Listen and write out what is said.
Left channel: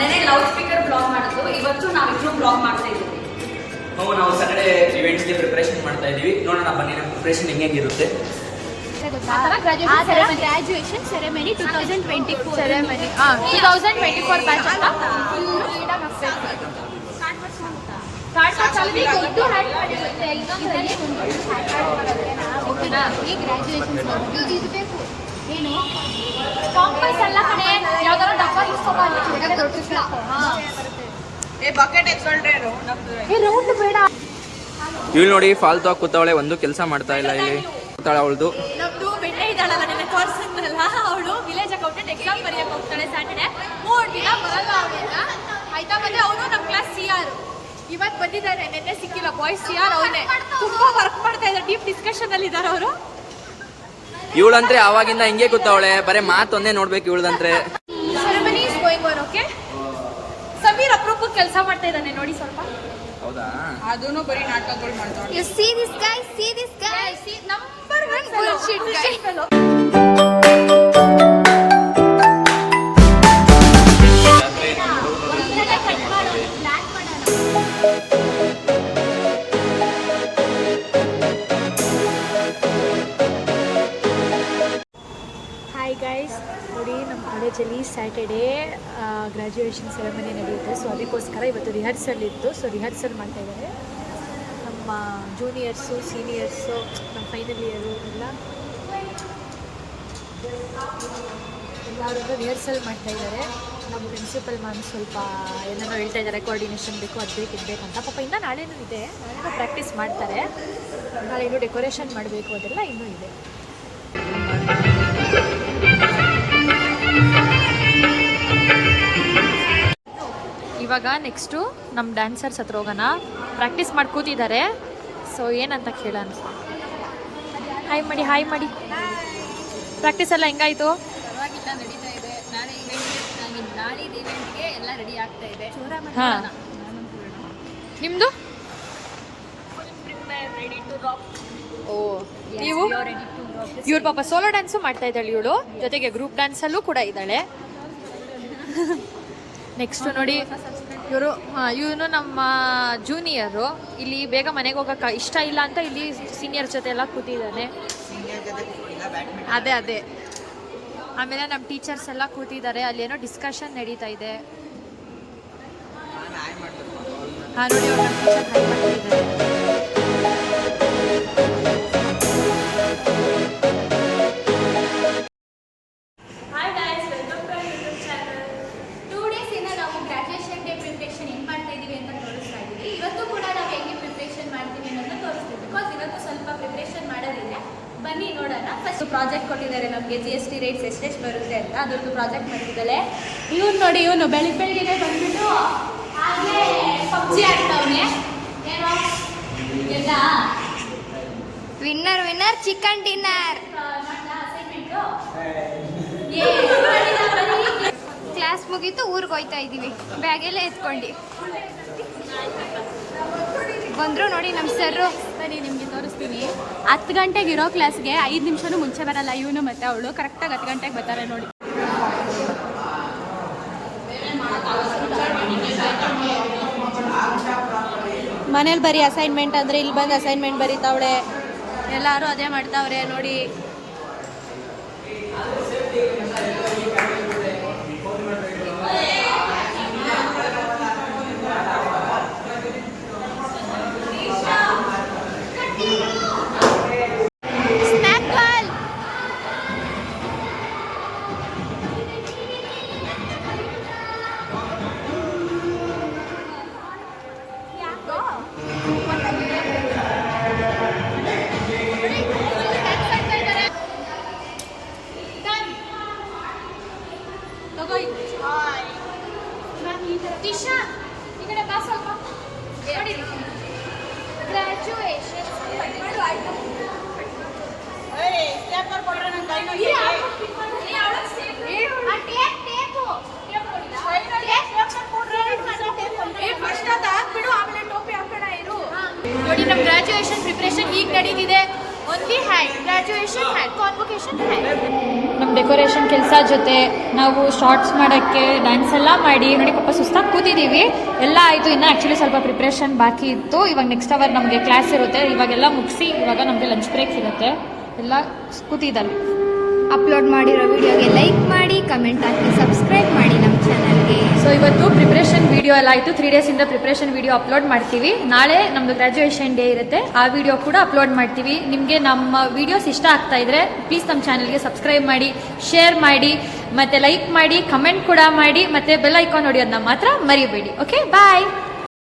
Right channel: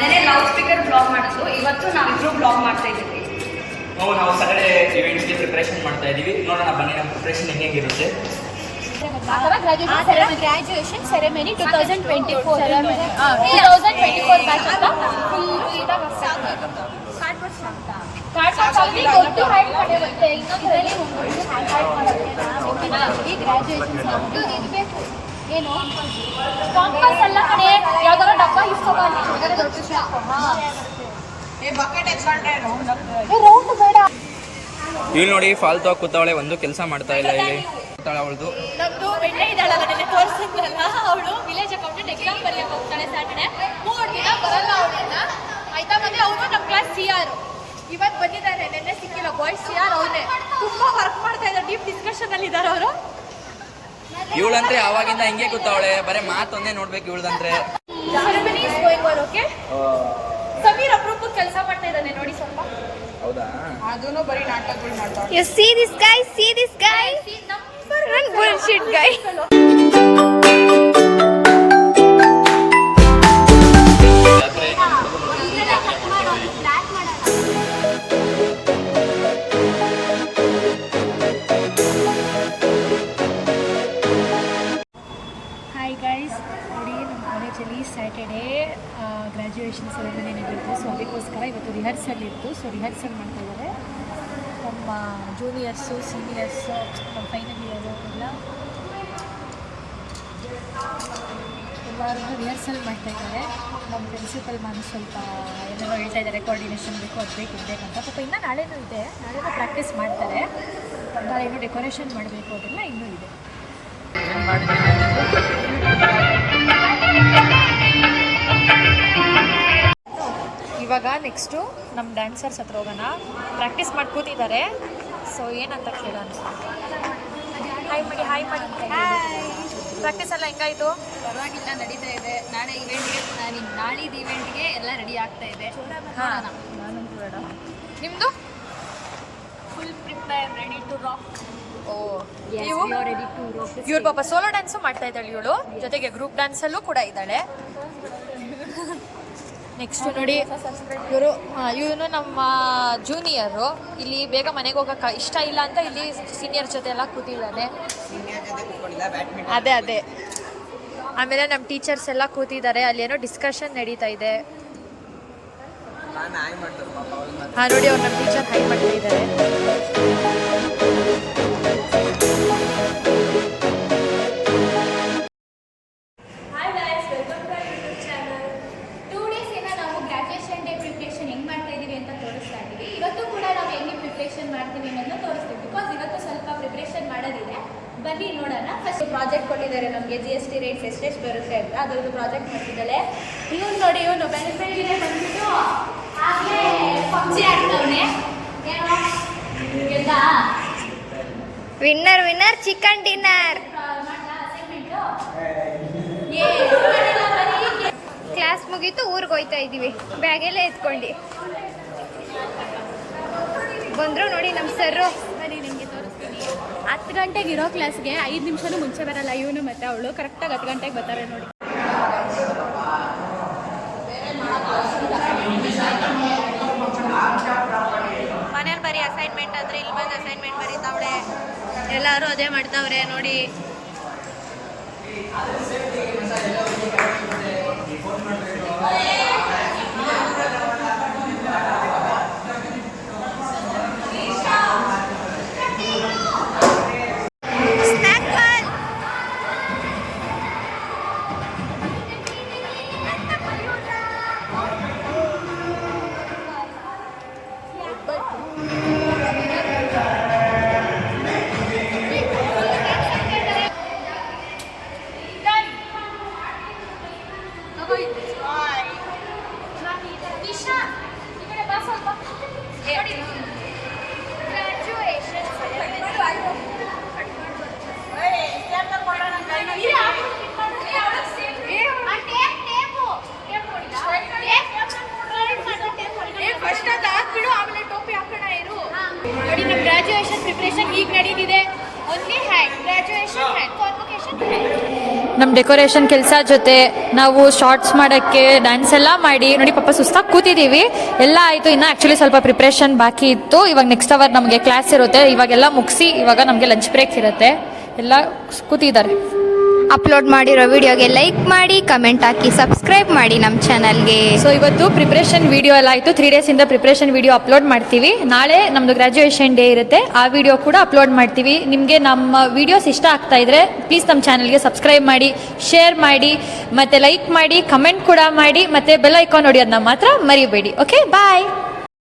ನೆನೆ loud speaker blog ಮಾಡಿದ್ರು, ಇವತ್ತು ನಾವಿಬ್ರು ಬ್ಲಾಗ್ ಮಾಡ್ತಾ ಇದ್ದೀವಿ. ನಾವು ಸಟರ್ಡೇ ಇವೆಂಟ್ಗೆ ಪ್ರಿಪರೇಷನ್ ಮಾಡ್ತಾ ಇದೀವಿ. ನೋಡೋಣ ಬನ್ನಿ ನಮ್ಮ ಪ್ರಿಪರೇಷನ್ ಹೆಂಗಿರುತ್ತೆ. ಗ್ರಾಜುಯೇಷನ್ ಸೆರೆಮನಿ 2024 ಬ್ಯಾಚ್ ಅಂತ ಫುಲ್ ನೀಟಾಗಿ ಈ ಗ್ರಾಜುಯೇಷನ್ ಸೆರೆಮನಿ ಇದು ಬೇಕು. ಏನು ಕಾಂಪಸ್ ಎಲ್ಲ ಕಡೆ ಯಾವ್ದಾರ ಡಬ್ಬ ಇಸ್ಕೊಬಾರ್ದು. ದೊಡ್ಡ ರೌಂಡ್ ಬೇಡ. ಇಲ್ಲಿ ನೋಡಿ ಫಾಲ್ತು ಆಗಿ ಕೂತವಳೆ, ಒಂದು ಕೆಲಸ ಮಾಡ್ತಾ ಇಲ್ಲ. ಇಲ್ಲಿ ಕೂತಾಳೆ ಅವಳದು. ನಮ್ದು ಬೆಣ್ಣೆ ಇದ್ದಾಳಲ್ಲ, ನೆನ್ನೆ ತೋರ್ಸಂದ್ರಲ್ಲ, ಅವಳು ವಿಲೇಜ್ ಅಕೌಂಟೆಂಟ್ ಎಕ್ಸಾಮ್ ಬರೆಯಕ್ಕೆ ಹೋಗ್ತಾಳೆ ಸ್ಯಾಟರ್ಡೆ. 3 ದಿನ ಬರಲ್ಲ ಅವಳೆಲ್ಲ, ಆಯ್ತಾ. ಮತ್ತೆ ಅವನು ನಮ್ಮ ಕ್ಲಾಸ್ CR ಇವತ್ತು ಬಂದಿದ್ದಾರೆ, ನೆನ್ನೆ ಸಿಕ್ಕಿಲ್ಲ. ಬಾಯ್ಸ್ CR ಅವನೇ ತುಂಬಾ ವರ್ಕ್ ಮಾಡ್ತಾ ಇದ್ದಾರೆ, ಡೀಪ್ ಡಿಸ್ಕಷನ್ ಅಲ್ಲಿ ಇದ್ದಾರೆ ಅವರು. ಇವಳಂದ್ರೆ ಅವಾಗಿಂದ ಹಿಂಗೆ ಕೂತವಳೆ, ಬರೀ ಮಾತೊಂದೇ ನೋಡ್ಬೇಕು ಇವಳದಂದ್ರೆ. ಸಮೀರ್ ಅಪ್ರೂಪಕ್ಕೆ ಕೆಲಸ ಮಾಡ್ತಾ ಇದ್ದಾನೆ ನೋಡಿ ಸ್ವಲ್ಪ. ಹೌದಾ? ಅದೂನು ಬರೀ ನಾಟಕಗಳು ಮಾಡ್ತಾರೆ. You see this guy? See this guy? Number one bullshit guy. Hi guys, ನೋಡಿ ನಮ್ಮ ಕಾಲೇಜಲ್ಲಿ ಸ್ಯಾಟರ್ಡೇ ಗ್ರ್ಯಾಜುಯೇಷನ್ ಸೆರೆಮನಿ ನಡೆಯುತ್ತೆ. ಸೊ ಅದಕ್ಕೋಸ್ಕರ ಇವತ್ತು ರಿಹರ್ಸಲ್ ಇತ್ತು. ಸೊ ರಿಹರ್ಸಲ್ ಮಾಡ್ತಾ ಇದ್ದಾರೆ ನಮ್ಮ ಜೂನಿಯರ್ಸು, ಸೀನಿಯರ್ಸು, ನಮ್ಮ ಫೈನಲ್ ಇಯರು ಎಲ್ಲರೂ ರಿಹರ್ಸಲ್ ಮಾಡ್ತಾ ಇದ್ದಾರೆ. ನಮ್ಮ ಪ್ರಿನ್ಸಿಪಲ್ ಮ್ಯಾಮ್ ಸ್ವಲ್ಪ ಏನೇನೋ ಹೇಳ್ತಾ ಇದ್ದಾರೆ, ಕೋಆರ್ಡಿನೇಷನ್ ಬೇಕು, ಅದು ಬೇಕು, ಇದು ಬೇಕಂತ. ಪಾಪ ಇನ್ನೂ ನಾಳೆನೂ ಇದೆ, ನಾಳೆನೂ ಪ್ರಾಕ್ಟೀಸ್ ಮಾಡ್ತಾರೆ. ನಾಳೆ ಇನ್ನೂ ಡೆಕೋರೇಷನ್ ಮಾಡಬೇಕು, ಅದೆಲ್ಲ ಇನ್ನೂ ಇದೆ. ಇವಾಗ ನೆಕ್ಸ್ಟು ನಮ್ಮ ಡ್ಯಾನ್ಸರ್ಸ್ ಹತ್ರ ಹೋಗೋಣ. ಪ್ರಾಕ್ಟೀಸ್ ಮಾಡಿ ಕೂತಿದ್ದಾರೆ. ಸೊ ಏನಂತ ಕೇಳೋಣ. ಹಾಯ್ ಮಾಡಿ, ಹಾಯ್ ಮಾಡಿ. ಪ್ರಾಕ್ಟೀಸ್ ಎಲ್ಲ ಹೆಂಗಾಯಿತು? ಪರವಾಗಿಲ್ಲ, ನಡೀತಾ ಇದೆ. ನಾಳಿದ್ದು ಇವೆಂಟ್ಗೆ ಎಲ್ಲ ರೆಡಿ ಆಗ್ತಾ ಇದೆ. ನಿಮ್ಮದು full prepare, ready to rock. ಓ, ನೀವು ಇವ್ರು ಪಾಪ ಸೋಲೋ ಡ್ಯಾನ್ಸು ಮಾಡ್ತಾ ಇದ್ದಾಳೆ ಇವಳು, ಜೊತೆಗೆ ಗ್ರೂಪ್ ಡ್ಯಾನ್ಸಲ್ಲೂ ಕೂಡ ಇದ್ದಾಳೆ. ನೆಕ್ಸ್ಟ್ ನೋಡಿ ಇವನು ನಮ್ಮ ಜೂನಿಯರು. ಇಲ್ಲಿ ಬೇಗ ಮನೆಗೆ ಹೋಗೋಕೆ ಇಷ್ಟ ಇಲ್ಲ ಅಂತ ಇಲ್ಲಿ ಸೀನಿಯರ್ ಜೊತೆ ಎಲ್ಲ ಕೂತಿದ್ದಾನೆ. ಅದೇ ಆಮೇಲೆ ನಮ್ಮ ಟೀಚರ್ಸ್ ಎಲ್ಲ ಕೂತಿದ್ದಾರೆ. ಅಲ್ಲಿ ಏನೋ ಡಿಸ್ಕಷನ್ ನಡೀತಾ ಇದೆ. ನೋಡಿ ಅವ್ರು ನಮ್ಮ ಟೀಚರ್ ಹೈ ಮಾಡ್ತಾ ಇದ್ದಾರೆ. ಪ್ರಾಜೆಕ್ಟ್ ಕೊಟ್ಟಿದ್ದಾರೆ ನಮಗೆ, GST ರೇಟ್ಸ್ ಎಷ್ಟೆಷ್ಟು ಬರುತ್ತೆ ಅಂತ ಅದರದ್ದು ಪ್ರಾಜೆಕ್ಟ್ ಮಾಡ್ತಿದ್ದಾಳೆ. ಇವನು ನೋಡಿ, ಇವನು ಬೆಳಿಗ್ಗೆ ಬಂದ್ಬಿಟ್ಟು ಪಬ್ಜಿ ಆಡ್ತಾವನೆ. Winner chicken dinner. ಕ್ಲಾಸ್ ಮುಗೀತು, ಊರಿಗೆ ಹೋಯ್ತಾ ಇದ್ದೀವಿ. ಬ್ಯಾಗೆಲ್ಲ ಎತ್ಕೊಂಡು ಬಂದರು ನೋಡಿ ನಮ್ಮ ಸರ್ರು. 10 ಗಂಟೆಗೆ ಇರೋ ಕ್ಲಾಸ್ಗೆ 5 ನಿಮಿಷನೂ ಮುಂಚೆ ಬರಲ್ಲ ಇವನು ಮತ್ತೆ ಅವಳು. ಕರೆಕ್ಟಾಗಿ 10 ಗಂಟೆಗೆ ಬರ್ತಾರೆ ನೋಡಿ. ಮನೇಲಿ ಬರೀ ಅಸೈನ್ಮೆಂಟ್ ಅಂದರೆ ಇಲ್ಲಿ ಬಂದು ಅಸೈನ್ಮೆಂಟ್ ಬರೀತಾವಳೆ. ಎಲ್ಲರೂ ಅದೇ ಮಾಡ್ತಾವ್ರೆ ನೋಡಿ. ನೋಡಿ ನಮ್ಮ ಗ್ರಾಜುಯೇಷನ್ ಪ್ರಿಪರೇಷನ್ ಈಗ ನಡೀತಿದೆ. ಓನ್ಲಿ ಹ್ಯಾಂಡ್ ಗ್ರಾಜುಯೇಷನ್ ಕಾನ್ವೊಕೇಶನ್ ನಮ್ಮ ಡೆಕೋರೇಷನ್ ಕೆಲಸ ಜೊತೆ ನಾವು ಶಾರ್ಟ್ಸ್ ಮಾಡೋಕ್ಕೆ ಡ್ಯಾನ್ಸ್ ಎಲ್ಲ ಮಾಡಿ ನೋಡಿ ಪಾಪ ಸುಸ್ತಾಗಿ ಕೂತಿದ್ದೀವಿ. ಎಲ್ಲ ಆಯಿತು, ಇನ್ನು ಆ್ಯಕ್ಚುಲಿ ಸ್ವಲ್ಪ ಪ್ರಿಪ್ರೇಷನ್ ಬಾಕಿ ಇತ್ತು. ಇವಾಗ ನೆಕ್ಸ್ಟ್ ಅವರ್ ನಮಗೆ ಕ್ಲಾಸ್ ಇರುತ್ತೆ. ಇವಾಗೆಲ್ಲ ಮುಗಿಸಿ ಇವಾಗ ನಮಗೆ ಲಂಚ್ ಬ್ರೇಕ್ ಇರುತ್ತೆ. ಎಲ್ಲ ಕೂತಿದ್ದಾರೆ. ಅಪ್ಲೋಡ್ ಮಾಡಿರೋ ವಿಡಿಯೋಗೆ ಲೈಕ್ ಮಾಡಿ, ಕಮೆಂಟ್ ಹಾಕಿ, ಸಬ್ಸ್ಕ್ರೈಬ್ ಮಾಡಿ ನಮ್ಮ ಚಾನಲ್ಗೆ. ಸೊ ಇವತ್ತು ಪ್ರಿಪ್ರೇಷನ್ ವಿಡಿಯೋ ಎಲ್ಲ ಆಯಿತು. 3 ಡೇಸಿಂದ ಪ್ರಿಪ್ರೇಷನ್ ವಿಡಿಯೋ ಅಪ್ಲೋಡ್ ಮಾಡ್ತೀವಿ. ನಾಳೆ ನಮ್ಮದು ಗ್ರ್ಯಾಜುಯೇಷನ್ ಡೇ ಇರುತ್ತೆ, ಆ ವಿಡಿಯೋ ಕೂಡ ಅಪ್ಲೋಡ್ ಮಾಡ್ತೀವಿ. ನಿಮಗೆ ನಮ್ಮ ವಿಡಿಯೋಸ್ ಇಷ್ಟ ಆಗ್ತಾ ಇದ್ರೆ ಪ್ಲೀಸ್ ನಮ್ಮ ಚಾನಲ್ಗೆ ಸಬ್ಸ್ಕ್ರೈಬ್ ಮಾಡಿ, ಶೇರ್ ಮಾಡಿ, ಮತ್ತು ಲೈಕ್ ಮಾಡಿ, ಕಮೆಂಟ್ ಕೂಡ ಮಾಡಿ, ಮತ್ತು ಬೆಲ್ ಐಕಾನ್ ಹೊಡೆಯೋದನ್ನ ಮಾತ್ರ ಮರಿಬೇಡಿ. ಓಕೆ, ಬಾಯ್.